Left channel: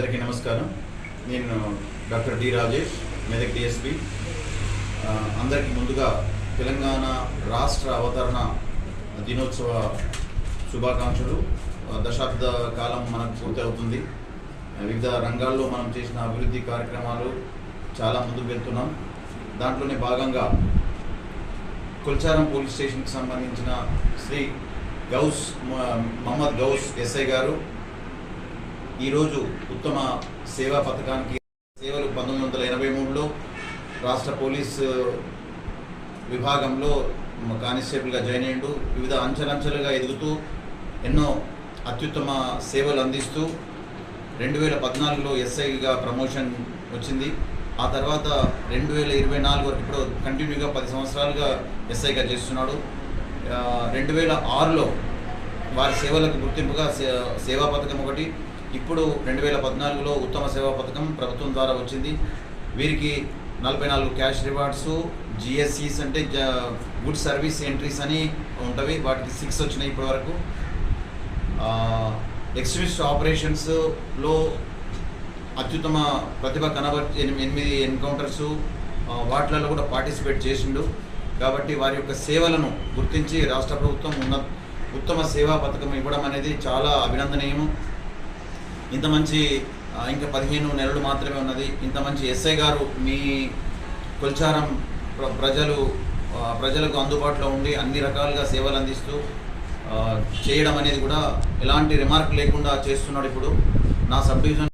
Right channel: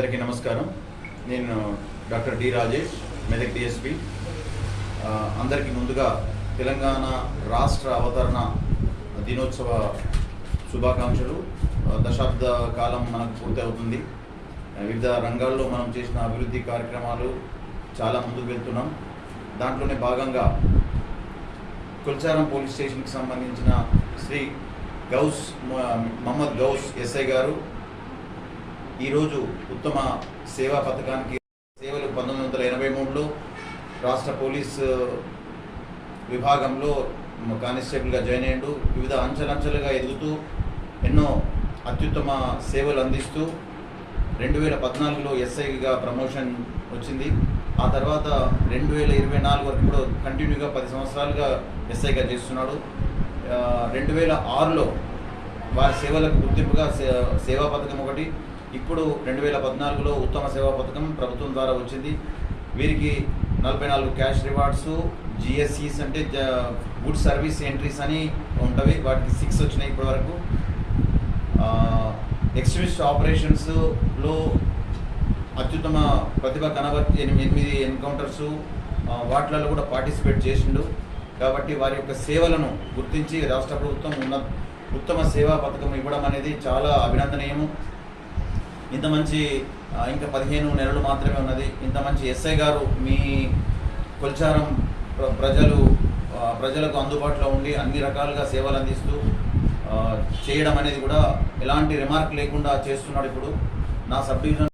నమస్కారం. నేను doctor D Rajesh Medak DSP అందరికీ ముందుగా తెలంగాణ రాష్ట్ర అవతరణ దినోత్సవ శుభాకాంక్షలు. దశాబ్ద కాలం మనకు పూర్తి అవుతుంది. వివిధ రంగాల్లో మనం చేసిన అభివృద్ధి కార్యక్రమాలు చాలా ముందుకు వెళ్తున్నాం. దాంట్లోనే భాగంగా కొల్చారం పోలీస్ స్టేషన్కి సంబంధించిన శ్రీ గౌస్ మహమ్మద్ గౌస్ ఎస్ఐ గారు ఈరోజు ఉత్తమ సేవా పథకానికి సేవలు పంతొమ్మిది వందల ఎనభై మూడులో రాష్ట్ర పోలీస్ విభాగంలో కానిస్టేబుల్గా జాయిన్ అయ్యాడు. వివిధ అంచెలంచెలుగా ఎదుగుతూ ఎన్నో అత్యుత్తమ సేవలు అందిస్తూ రెండు వేల పద్నాలుగులో ఎస్ఐగా ప్రమోషన్ వచ్చింది. ఆ తర్వాత రెండు వేల ఇరవై నాలుగు వరకు కూడా కంటిన్యూగా పది సంవత్సరాలుగా ఎస్ఐగా చేస్తున్నాడు. రెండు వేల ఆరులో వారి సేవలకు గుర్తింపుగా సేవా పథకం ఒకటి ఇప్పుడు రెండు వేల పద్నాలుగులో ఉత్తమ సేవా పథకం ప్రభుత్వం ద్వారా వచ్చింది. వీరికి నలభై నాలుగు క్యాష్ రివార్డ్స్ జిఎస్సీస్ అంటే గుడ్ సర్వీస్ ఎంట్రీస్ అని ఉంటవి. వాటికి సిక్స్ వచ్చినాయి ఇప్పటి వరకు ఎక్స్ట్రీమిస్ట్ ఆపరేషన్స్లో అత్యుత్తమ ప్రతిభ కనబర్చి ఎనిమిది ఎనిమిది ఎన్కౌంటర్స్ వాటిలలో కూడా పార్టిసిపేట్ చేసిండు. కాబట్టి వారి యొక్క సేవలను గుర్తించి రాష్ట్ర ప్రభుత్వం ఉన్న ఉత్తమ సేవా పథకం ఇవ్వడం అనేది చాలా అభినందనీయము. ఇంత మంచి ఇంకా పదిహేను నెలలు మాత్రమే ఉన్నది. ఇంత మంచి ఎస్ఐ గారు మీ కొల్చారం ప్ర- ప్రజలు ప్రజలకు అందుబాటులో ఉండి అన్ని రకాలుగా సేవలు అందిస్తూ చేయడం అనేది కూడా ఎలాంటి రిమార్క్ లేకుండా చేస్తున్నాడు ఇప్పుడు నా సబ్ డివిజన్